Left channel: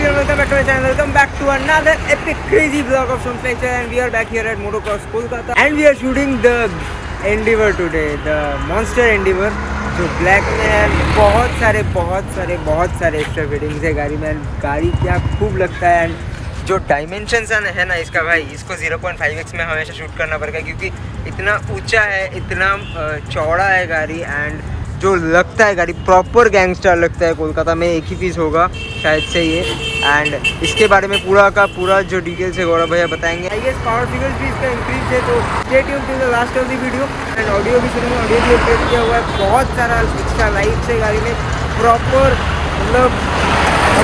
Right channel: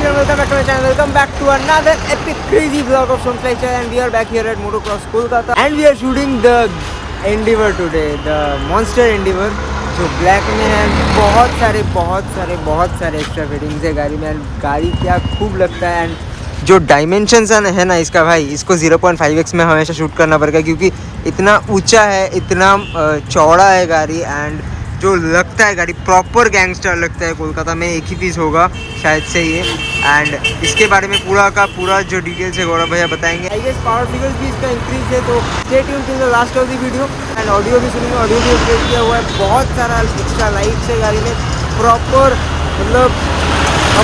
welcome back to my channel. Welcome back to another epic crazy vlog of Soms Lifestyle, and we are back here at Motocross Kolkata and we are shooting the Endeavour today, the Monster Endeavour जो black में है। बहुत सारे extra fittings है गाड़ी में and गाड़ी क्या खूब लगता है। एंड जो डायमेंशंस है ना इसका, भाई इसको 0.5x में हमेशा शूट करना पड़ेगा क्योंकि इतना ऊंचा है, इतना चौड़ा है गाड़ी। एंड जो लगता है गाड़ी प्रॉपर गैंगस्टर लगता है। कोलकाता में एक ही पीस होगा शायद से ये। एंड इसके बारे में पूरा का पूरा जो डिटेल्स है गौरव भैया बताएंगे। आई गेस पावर फिगर्स भी इसका इंक्रीज है, तो stay tuned till the last of the video. And audio भी सुनेंगे, ऑडियो भी अपडेट किया हुआ है। बहुत सारा एक्स्ट्रा लाइट्स है गाड़ी में, प्रॉपर मतलब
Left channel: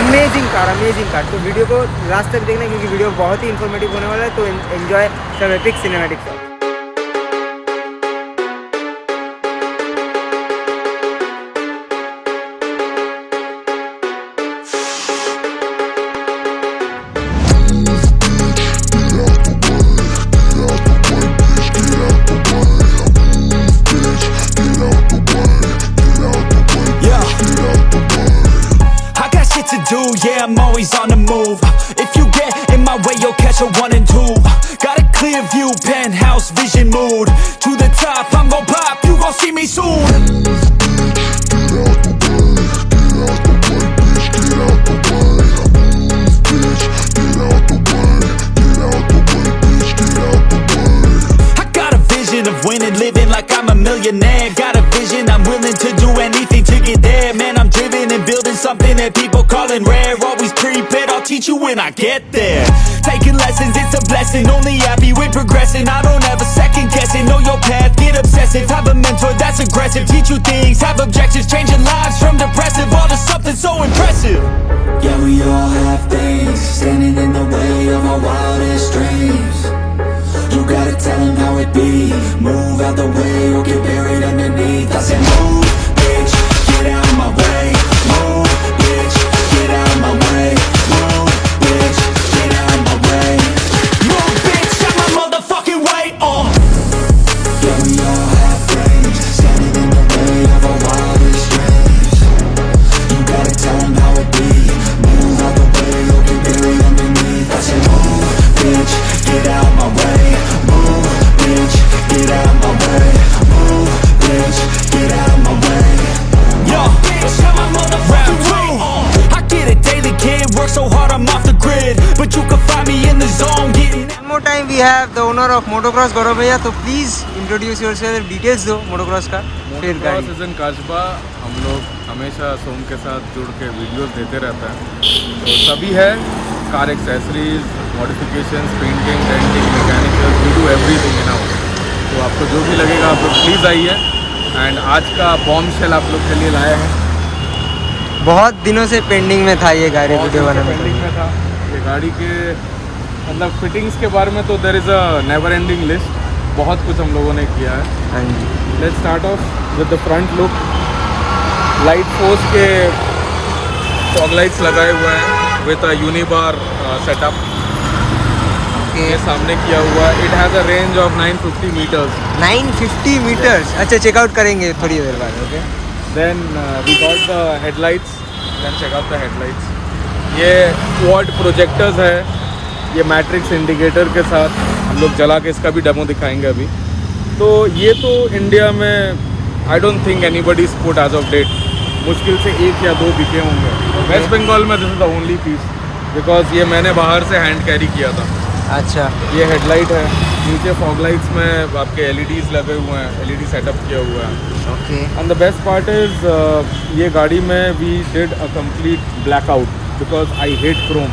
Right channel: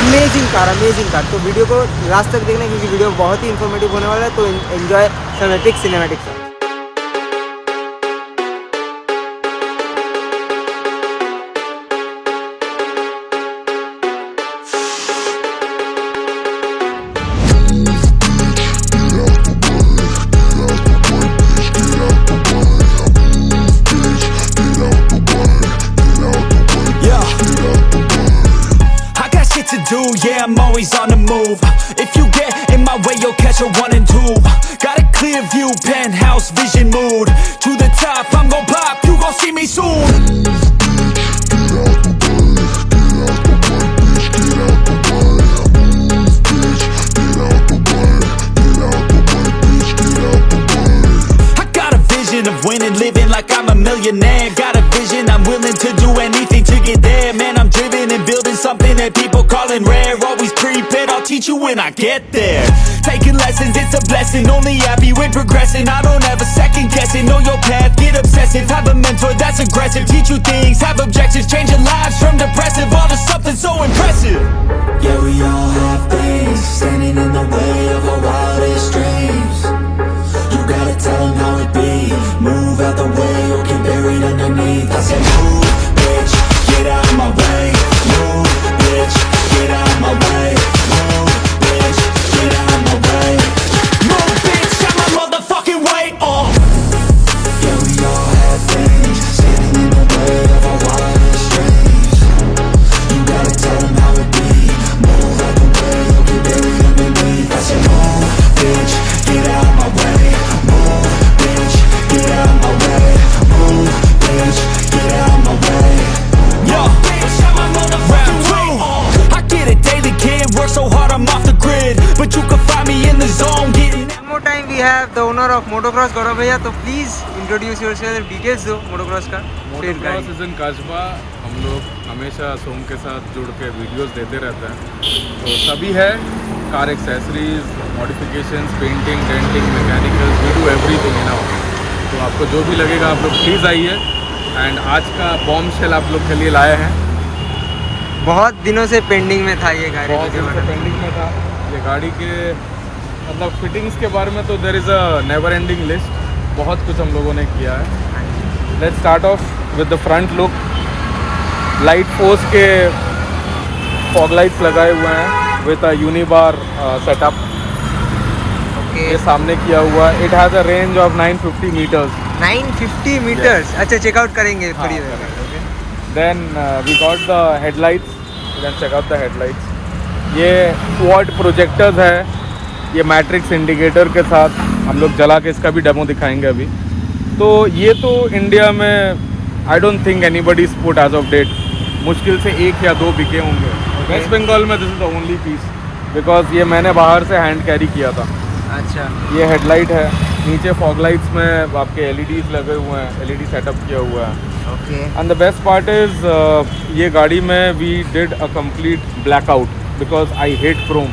अमेजिंग कार। तो वीडियो को लास्ट तक देखना क्योंकि वीडियो बहुत ही इन्फॉर्मेटिव होने वाला है। तो enjoy some epic cinematic shot. Yeah, I'm always on the move. If you get in my way, you'll catch a 1 and 2. Got a clear view, penthouse vision mood. To the top, I'm gon' pop, you gon' see me soon. I got a vision of winning, living like I'm a millionaire. Got a vision, I'm willing to do anything to get there. Man, I'm driven and building something that people calling rare. Always prepared, I'll teach you when I get there. Taking lessons, it's a blessing. Only happy with progressing. I don't ever second guess it. Know your path, get obsessive. Have a mentor that's aggressive. Teach you things, have objectives. Changing lives from depressive all to something so impressive. Yeah, we all have things standing in the way of our wildest dreams. You gotta tell them how it be. Move out the way or get buried underneath. I said move, bitch, get out of my way. Move, bitch, get out of my way. Move, bitch, get out of my way. Move, bitch, out my motherfucking way. Yeah, we all have things standing in the way of our wildest dreams. You gotta tell them how it be. Move out the way or get buried underneath. I said move, bitch, get out of my way. Move, bitch, get out of my way. Move, bitch, get out of my way. Yo, bitch, out my motherfucking way. I get it daily, kid. Work so hard, I'm off the grid. But you can find me in the zone getting. One more time we have the owner of Motocross, Gaurav भैया। तो please introduce yourself, details दो Motocross का। Motocross is in काजबा। हम लोग हमेशा सोम के साथ जुड़ के वीडियोस देते रहते हैं। तो सभी है car accessories, modifications, painting, denting, mechanicals, we do everything in house. तो आपको जो भी लगेगा आप लोग प्लीज़ आइए। एंड आज का बॉम्ब शेल आप लोग के लिए लाए हैं। बहुत दिनों से पेंडिंग में था ये गाड़ी, वीडियो बनाना पेंडिंग में था ये गाड़ी के मतलब फिटिंग्स के बारे में। तो there is a never ending list. बहुत कुछ हम लोगों ने किया है। हाँ जी, let's start off with the front look. Light Force के फॉग लाइट्स लगाए हुए हैं with a unibar setup. Okay, सामने किया हुआ। It has a range of 950 meters. 950 meters. अच्छा, चेकआउट करेंगे थोड़ी देर बाद। Okay, then we got the headlights. Then check out the headlights. ये क्वाड प्रोजेक्टर्स हैं, ये मैट्रिक्स इंडिकेटर के साथ। हम लोग जला के इसका भी डेमो दिखाएंगे अभी। तो ये तो इंडिया में I don't think anybody is put age of date. मुश्किल से 1 या 2 बिके होंगे। वेस्ट बंगाल में this is the only piece because ये मैंने बाहर से हैंड कैरी किया था। अच्छा, ये हेडलाइट है। नीचे फॉग लाइट्स में आपके एलईडीज लगे हुए हैं, एलईडी सेटअप किया हुआ है। Okay, and the best part is ये गाड़ी में we did a complete blackout because I hate chrome.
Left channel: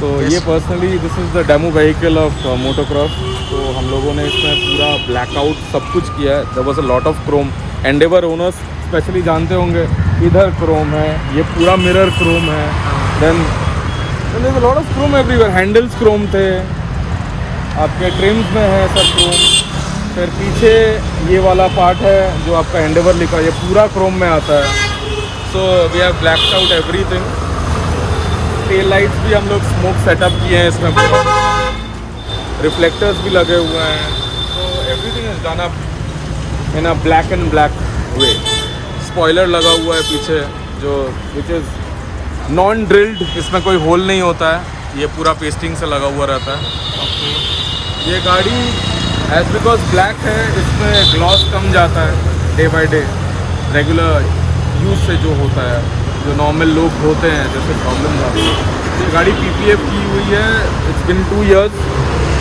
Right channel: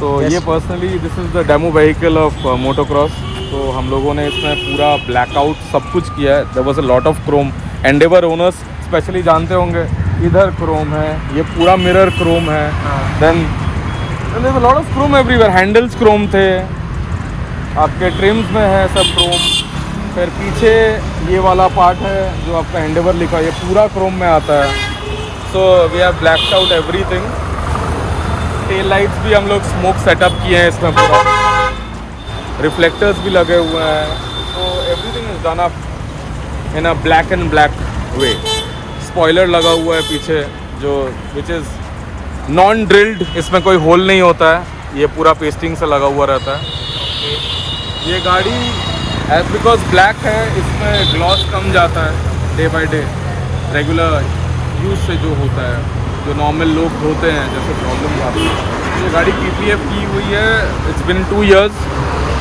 तो Yes. ये personally this is the demo vehicle of Motocross. तो हम लोगों ने इसमें पूरा ब्लैकआउट सब कुछ किया है। There was a lot of chrome. Endeavour owners specially जानते होंगे, इधर क्रोम है, ये पूरा मिरर क्रोम है। Then there is a lot of chrome everywhere. Handles chrome थे, आपके ट्रिम्स में है सब क्रोम। फिर पीछे ये वाला पार्ट है जो आपका एंडेवर लिखा है, ये पूरा क्रोम में आता है। So we have blacked out everything. Tail lights भी हम लोग स्मोक सेटअप किए हैं इसमें पूरा। रिफ्लेक्टर्स भी लगे हुए हैं। तो everything is done up in a black and black way. Spoiler लगा हुआ है पीछे जो विच इज़ नॉन ड्रिल्ड, इसमें कोई होल नहीं होता है, ये पूरा पेस्टिंग से लगा हुआ रहता है। ओके ये गाड़ी एज बिकॉज ब्लैक है, इसमें ग्लॉस कम जाता है day by day, regular use से जो होता है, जो नॉर्मल लोग धोते हैं जैसे प्रॉब्लम्स आती है। ये गाड़ी PPF की हुई है, it's been 2 years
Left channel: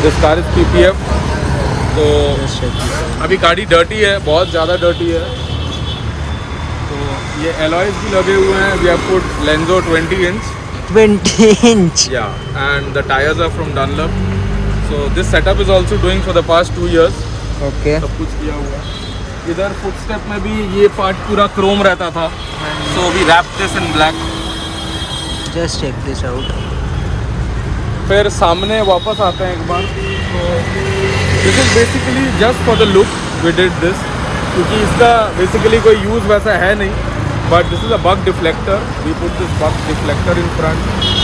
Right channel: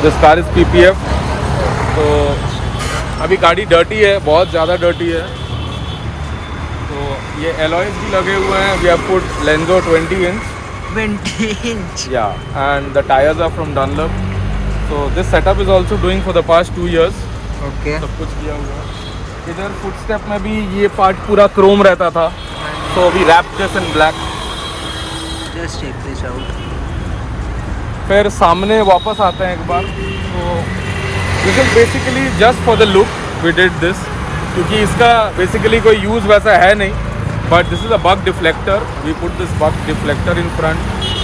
this car is PPF। तो अभी गाड़ी डर्टी है, बहुत ज़्यादा डर्टी है। तो ये एलॉयज भी लगे हुए हैं, we have put लेंजो 20 inch 20 inch। yeah, and the tires are from Dunlop, so this setup is also doing for the past 2 years। Okay सब कुछ किया हुआ है। इधर फुटस्टेप में भी ये पार्ट पूरा क्रोम रहता था, so we wrapped this in black। Just check this out. फिर सामने वापस आते हैं एक बार, तो this is basically just for the look we did this, क्योंकि इसका बेसिकली कोई यूज़ वैसा है नहीं, but this is a bug deflector. We put this bug deflector in front,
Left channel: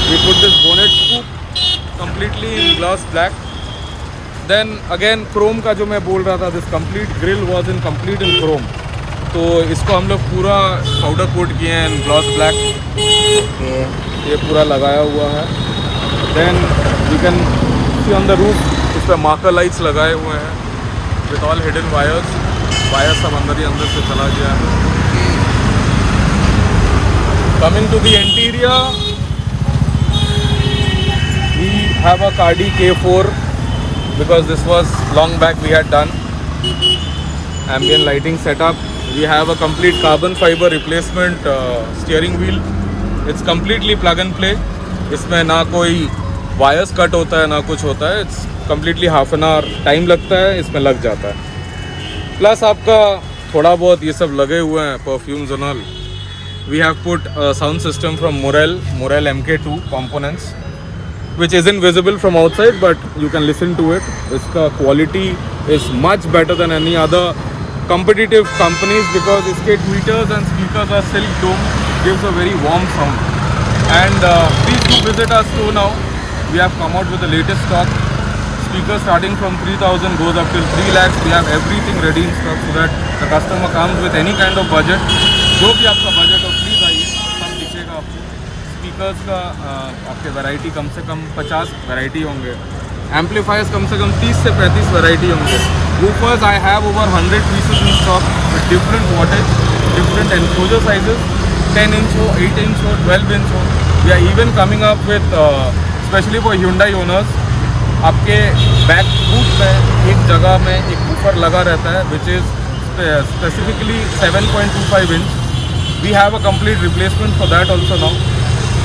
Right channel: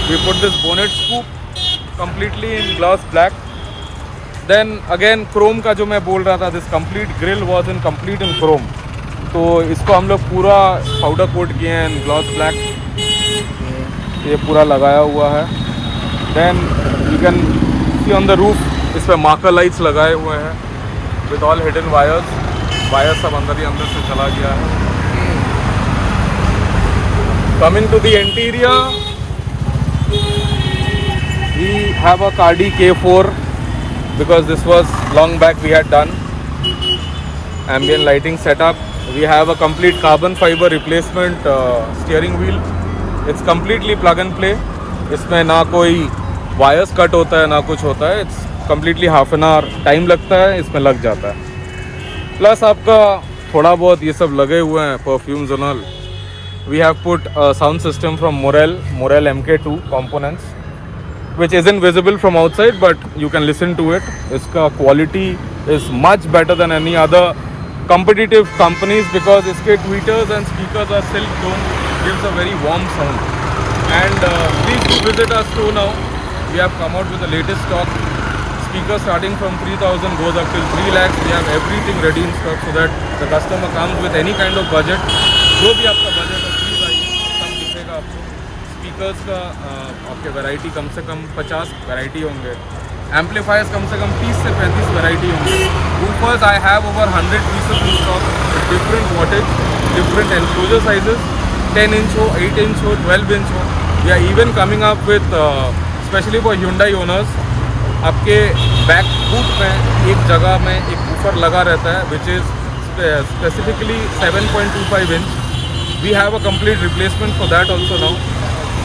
we put this bonnet scoop completely in glass black. Then again chrome का जो मैं बोल रहा था, this complete grille was in complete in Chrome, तो इसको हम लोग पूरा पाउडर कोट किए हैं इन ग्लास ब्लैक, ये पूरा लगाया हुआ है। Then you can see on the roof, इस पर मार्कर लाइट्स लगाए हुए हैं विद ऑल हिडन वायर्स सब अंदर ही अंदर से चला गया है। Coming to the interior, we have a Cardi K4 because this was long back we had done ambient lighting setup। we have a complete carbon fiber replacement steering wheel, it's completely plug and play, इसमें ना कोई wires cut होता है ना कुछ होता है, it's completely half an hour time लगता है, इसमें लग जाता है। प्लस आपका थोड़ा बहुत ये सब लगे हुए हैं परफ्यूम्स और all. We have put sound system from Morel MK2 components which isn't visible from outside but you can listen to it। इसका quality is much better than any other competitive companies because इसके tweeters and speakers are silk dome, it gives a very warm sound। and please do visit our store now, we have come out with the latest stock, speakers starting from 3000 goes up till 3 lakhs। we have everything ready in stock so that the customer comes with any kind of budget, जो भी आपका budget हो please आइए, सब दिखेगा आपको। Speakers का आपके वैरायटी कम से कम 50 वैरायटी होंगे, एम्पलीफायर्स कम से कम 30 से 35 वैरायटी होंगे। Woofers I have over 100 pieces in stock with different wattage, different enclosure sizes, 10 inch हो, 8 inch हो, 12 inch हो। We are even coming up with specially for Hyundai owners, आपके बैक बूट में एक जगह में एक वूफर लगा रहता है which is specifically 7.25 inch। We have a complete replacement for that also now,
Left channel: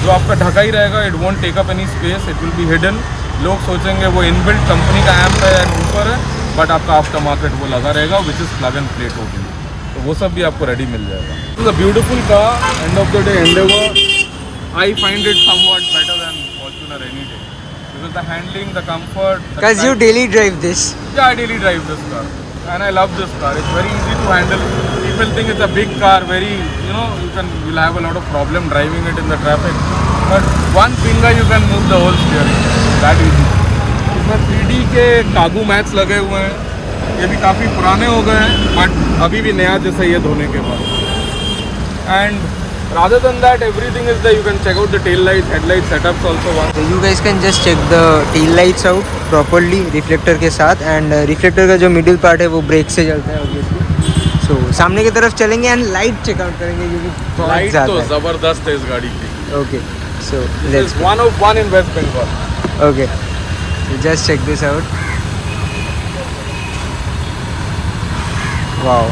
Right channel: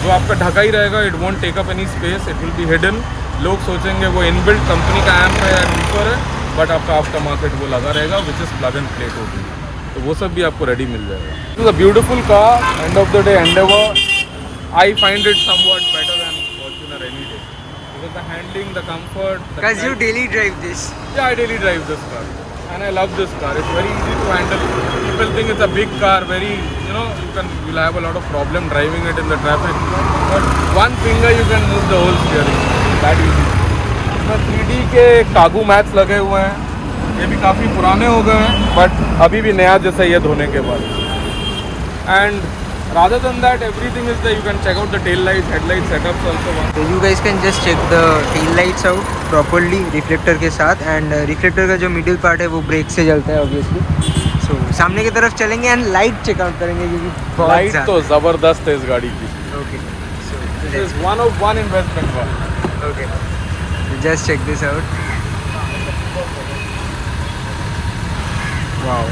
जो आपका ढका ही रहेगा, it want take up any space, it will be hidden. लोग सोचेंगे वो इनबिल्ट कंपनी का एम्प है या वूफर है, बट आपका आफ्टर मार्केट वो लगा रहेगा which is plug and play totally, तो वो सब भी आपको रेडी मिल जाएगा। It is a beautiful car, and of the day Endeavour I find it somewhat better than Fortuner any day because the handling, the comfort, Because you daily drive this। yeah, I daily drive this car and I love this car, it's very easy to handle। people think it's a big car, very, you know, you'll have a lot of problem driving it in the traffic, but one finger you can move the whole steering, that easy। इसमें 3D के कागू mats लगे हुए हैं, ये भी काफ़ी पुराने हो गए हैं बट अभी भी नया जैसा ये धोने के बाद। And rather than that everything is there, you can check out the tail lights, headlight setups also। So you guys can just check the tail lights out properly reflector के साथ, एंड रिफ्लेक्टर का जो middle part है वो break से चलता है obviously. सो सामने की तरफ चलेंगे एंड लाइट चेकआउट करेंगे क्योंकि बहुत ज़्यादा तो है। ज़बरदस्त है इस गाड़ी की। Okay so let's one of one in West Bengal। Okay just check this out. Wow,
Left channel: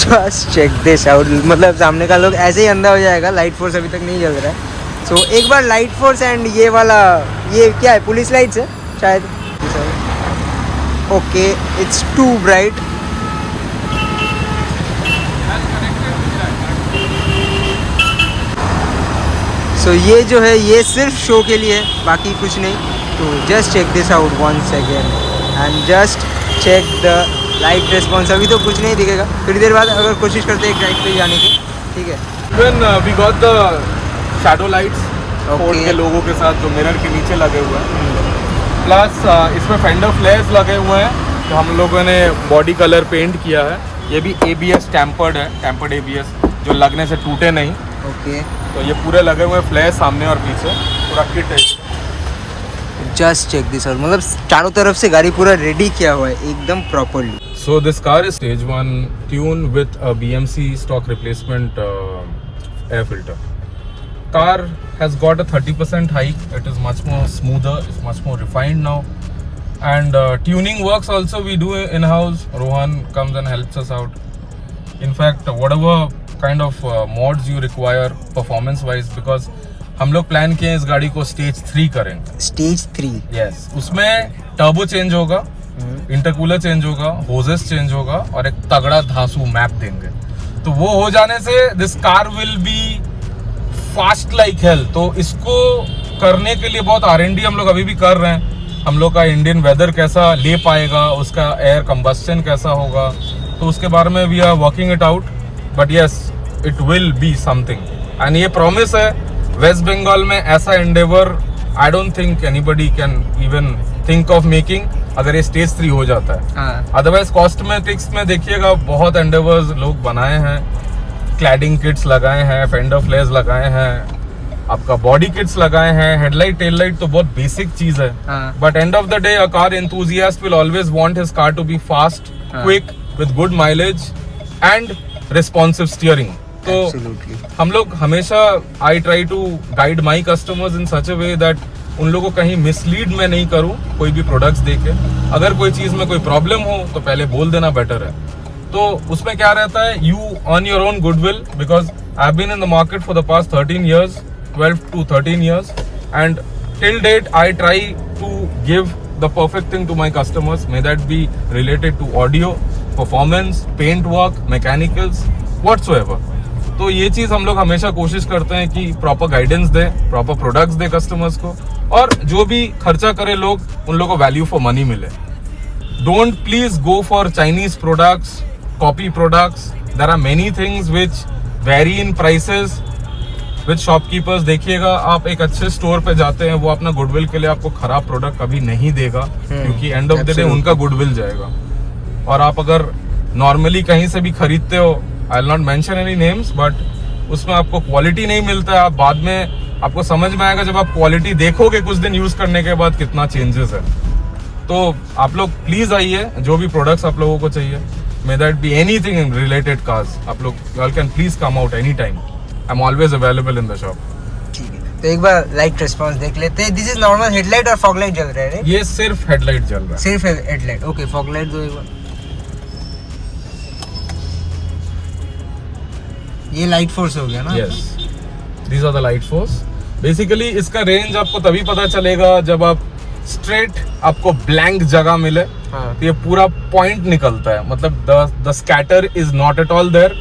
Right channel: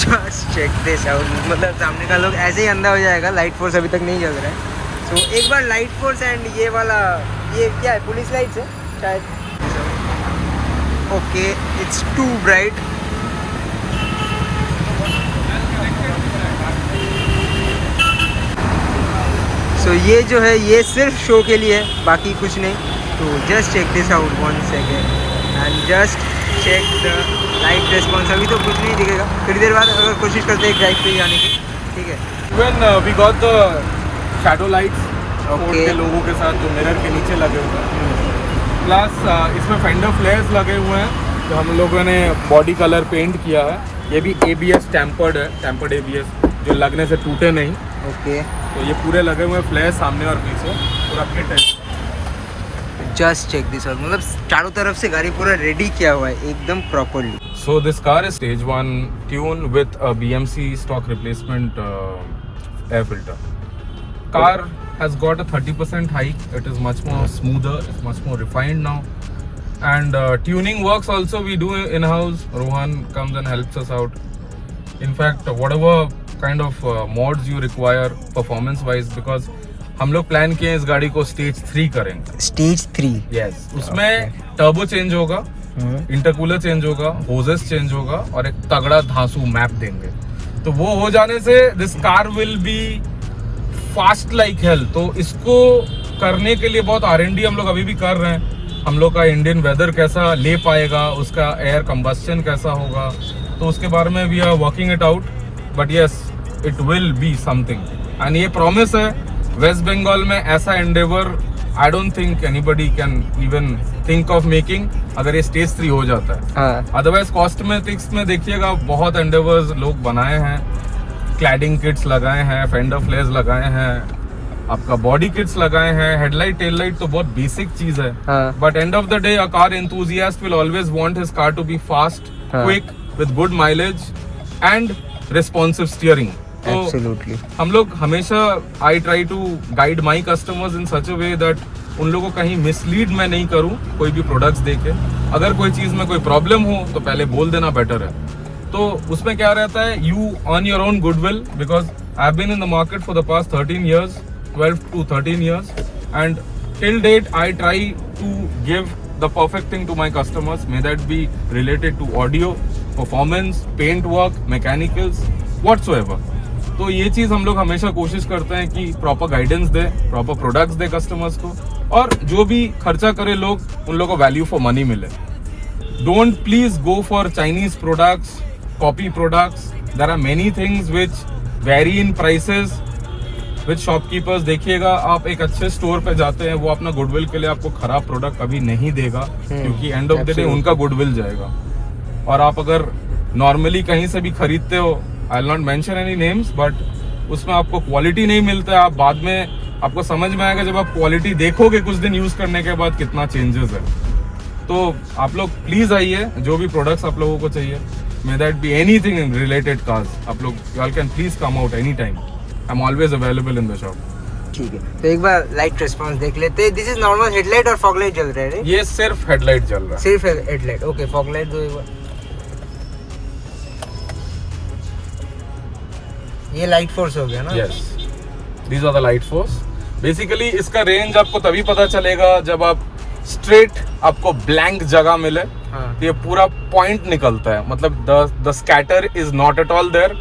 just check this out, मतलब सामने का लोग ऐसे ही अंधा हो जाएगा, लाइट फोर्स अभी तक नहीं जल रहा है। सो एक बार लाइट फोर्स एंड ये वाला, ये क्या है, पुलिस लाइट्स है शायद। Okay it's too bright. So ये जो है ये सिर्फ शो के लिए है, बाकी कुछ नहीं। तो just check this out once again and just check the light response. अभी तो कुछ नहीं दिखेगा, थोड़ी देर बाद अगर कोशिश करते हैं एक ड्राइव पे जाने की, ठीक है। When we got the shadow lights Okay। के लोगों के साथ जो मिरर के नीचे लगे हुए हैं, प्लस इसमें फेंडर फ्लेयर्स लगे हुए हैं, तो हम लोगों ने बॉडी कलर पेंट किया है। ये भी ABS टेम्पर्ड है, टेम्पर्ड ABS। जो लगने से टूटे नहीं। ओके, तो ये पूरे लगे हुए फ्लैश सामने और पीछे, पूरा किट है। जस्ट चेक दिस आउट, मतलब चारों तरफ से गाड़ी पूरा रेडी किया हुआ है एकदम properly. So this car is stage 1 tune with a BMC stock replacement air filter. Car has got a 30% hike. It is much more smoother. It's much more refined now. And tuning works also we do in house. Rohan comes and helps us out. In fact, whatever kind of mods you require performance wise, because हम लोग plan किए हैं इस गाड़ी को stage 3 करेंगे। Stage 3? Yes, उसमें turbo change होगा, इंटरकूलर चेंज होगा, होजेस चेंज होगा और एक तगड़ा धांसू मैप देंगे। तो वो हो जाने से this car will be fast like hell. तो इसको करने के लिए बहुत R&D हम लोग अभी भी कर रहे हैं। हम लोग का इंडियन वेदर कैसा ले पाएगा, उसका एयर कंबस्शन कैसा होगा, तो उसके बारे में we are working it out. But yes, it will be something. And ये प्रॉमिस है, वेस्ट बंगाल में ऐसा Endeavour I don't think anybody can even think of making अगर ये स्टेज 3 हो जाता है। अदरवाइज कॉस्मेटिक्स में देखिएगा बहुत एंडेवर्स लोग बनाए हैं, क्लैडिंग किट्स लगाए हैं, फेंडर फ्लेयर्स लगाए हैं, आपका बॉडी किट्स लगाए हैं, हेडलाइट टेल लाइट तो बहुत बेसिक चीज है। But end of the day a car enthusiast will always want his car to be fast, quick, with good mileage and responsive steering. तो हम लोग हमेशा I try to guide my customers in such a way that उन लोगों को कहीं mislead मैं नहीं करूं कोई भी प्रोडक्ट्स देके। अगर कोई चीज में कोई प्रॉब्लम हो तो पहले बोल देना बेटर है। तो उसमें क्या रहता है, you earn your own goodwill, because I have been in the market for the past 13 years, 12 to 13 years, and till date I try to give the perfect thing to my customers, may that be related to audio, performance, paint work, mechanicals, whatsoever. तो ये चीज हम लोग हमेशा कोशिश करते हैं कि प्रॉपर गाइडेंस दे, प्रॉपर प्रोडक्ट्स दे कस्टमर्स को, और जो भी खर्चा करे लोग, उन लोगों को वैल्यू फॉर मनी मिले। Don't please go for Chinese products, copy products. There are many things which vary in prices with shopkeepers. देखिएगा, आप एक अच्छे स्टोर पे जाते हैं, वो अपना गुडविल के लिए आपको खराब प्रोडक्ट कभी नहीं देगा, क्योंकि एंड ऑफ द डे उनका गुडविल जाएगा। और आप अगर नॉर्मली कहीं से भी खरीदते हो, I will not mention any names, but उसमें आपको क्वालिटी नहीं मिलता है। आप बाद में आपको समझ में आएगा जब आप क्वालिटी देखोगे कुछ दिन यूज करने के बाद कितना चेंजेस है। तो आप लोग प्लीज आइए, जो भी प्रोडक्ट्स आप लोगों को चाहिए, may that be anything in related cars, आप लोग you can please come out any time. I am always available in the shop. ठीक है, तो एक बार लाइट रिस्पांस देख लेते हैं। दिस इज नॉर्मल हेडलाइट और फॉग लाइट जल रहा है? ये सिर्फ हेडलाइट जल रहा है। सिर्फ हेडलाइट, ओके। फॉग लाइट दो एक बार। ये लाइट फोर्स हो गया ना? Yes, these are the light force. Basically इसका रेंज आपको तभी पता चलेगा जब आप स्ट्रेट आपको ब्लैंक जगह मिले। तो ये पूरा पॉइंट निकलता है, मतलब the scatter is not at all there.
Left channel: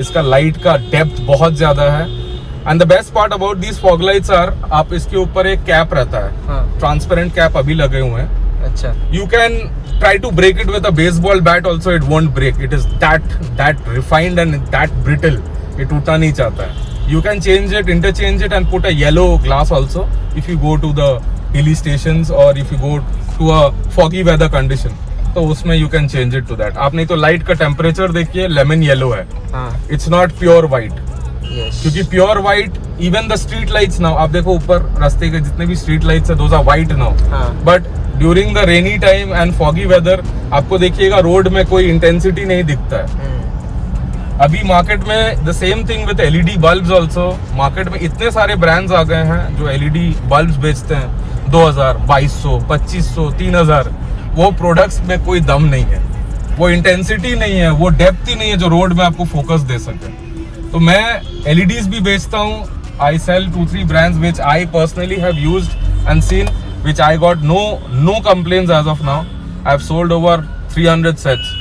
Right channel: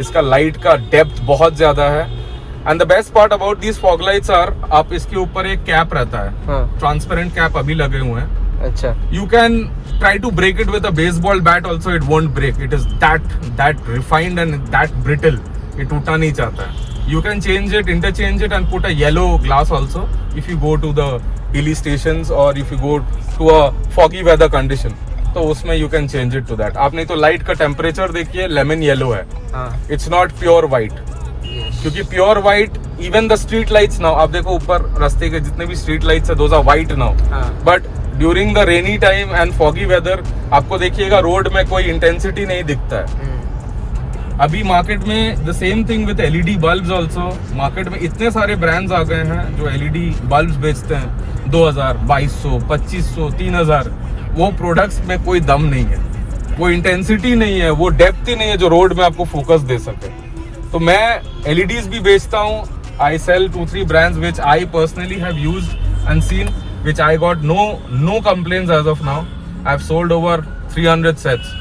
इसका लाइट का डेप्थ बहुत ज्यादा है। And the best part about these fog lights are, आप इसके ऊपर एक कैप रहता है, ट्रांसपेरेंट कैप अभी लगे हुए हैं। अच्छा, you can try to break it with a baseball bat also, it won't break. It is that refined and that brittle. ये टूटा नहीं चाहता है। You can change it, interchange it and put a yellow glass also if you go to the hilly stations or if you go to a foggy weather condition. तो उसमें you can change it to that. आप नहीं तो light का temperature देखिए, lemon yellow है। It's not pure white. क्योंकि pure white, even the street lights now, आप देखो ऊपर रास्ते के जितने भी स्ट्रीट लाइट्स है, those are white now. But during the rainy time and foggy weather आपको देखिएगा रोड में कोई इंटेंसिटी नहीं दिखता है। अभी मार्केट में the same thing with LED bulbs also. Market में इतने सारे ब्रांड्स आ गए हैं जो एलईडी बल्ब्स बेचते हैं 2000, 2200, 2500, 3000। वो प्रोडक्ट्स में कोई दम नहीं है, वो इंटेंसिटी नहीं है, वो डेप्थ ही नहीं है जो रोड में आपको फोकस दे सके। तो मैं LEDs भी बेचता हूँ। I sell 2-3 brands which I personally have used and seen, which I got no complaints as of now. I've sold over 300 sets.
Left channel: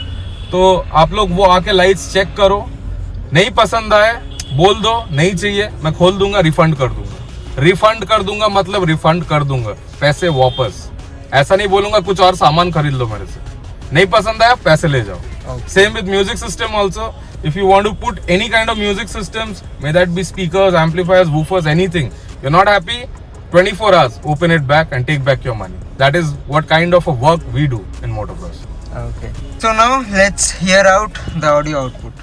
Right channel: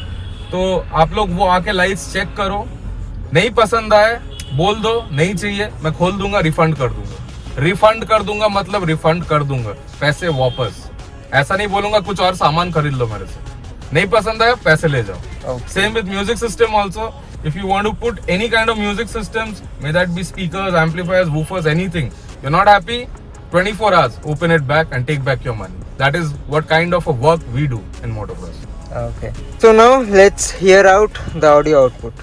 तो आप लोग वो आके लाइट्स चेक करो, नहीं पसंद आए बोल दो नहीं चाहिए, मैं खोल दूंगा, रिफंड कर दूंगा। रिफंड कर दूंगा मतलब रिफंड कर दूंगा, पैसे वापस। ऐसा नहीं बोलूंगा कुछ और सामान खरीद लो मेरे से, नहीं पसंद आया पैसे ले जाओ। Same with music system also. If you want to put any kind of music systems, may that be speakers, amplifiers, woofers, anything, you're not happy, 24 hours, open it back and take back your money. That is what kind of a work we do in motocross. Okay. So now let's hear out the audio output.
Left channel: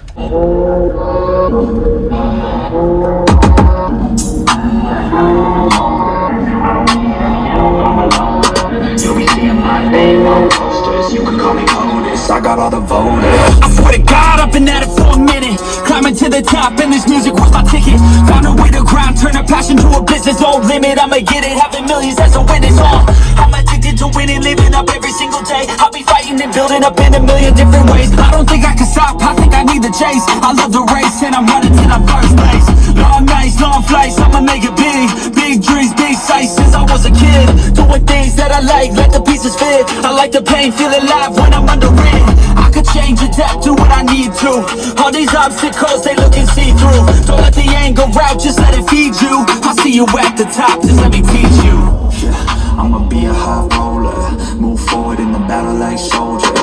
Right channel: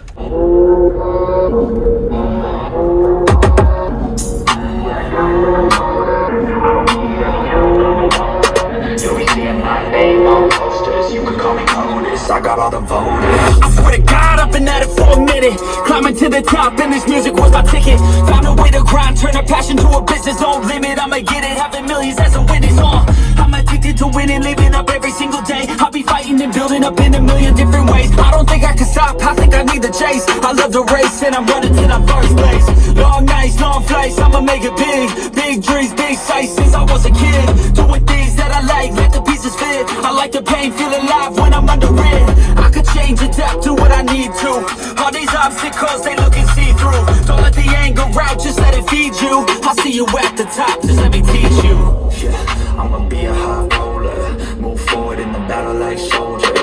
I got all the voters. I swear to God, I've been at it for a minute. Climbing to the top, and this music was my ticket. Found a way to grind, turn a passion to a business. No limit, I'ma get it. Having millions as a witness. I'm addicted to winning, living up every single day. I'll be fighting and building up in a million different ways. I don't think I can stop, I think I need the chase. I love the race, and I'm running to the first place. Long nights, long flights, I'ma make it big. Big dreams, big sights since I was a kid. Doing things that I like, let the pieces fit. I like the pain, feel alive when I'm under it. I could change, adapt, do what I need to. All these obstacles, they looking see-through. Don't let the anger out, just let it feed you. I see you at the top, just let me teach you. Yeah, I'ma be a high roller. Move forward in the battle like soldier.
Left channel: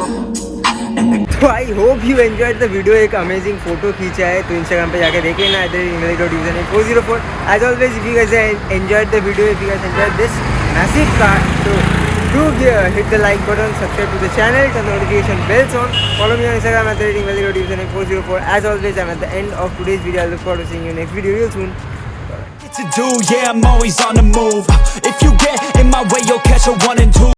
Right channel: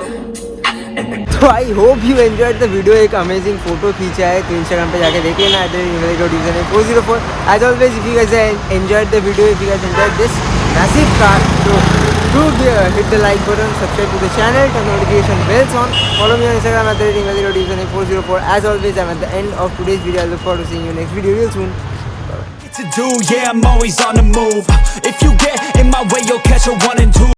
तो I hope you enjoyed the video. एक amazing photo खींचा है, तो Instagram पे जाके देख लेना @english.username404. As always if you guys enjoyed the video, if you guys enjoyed this massive car, तो do hit the like button, subscribe to the channel, turn notification bells on, follow me on Instagram @english.username404. As always, I'm at the end of today's video. I look forward to seeing you next video real soon. To do, yeah, I'm always on the move. If you get in my way, you'll catch a 1 and 2.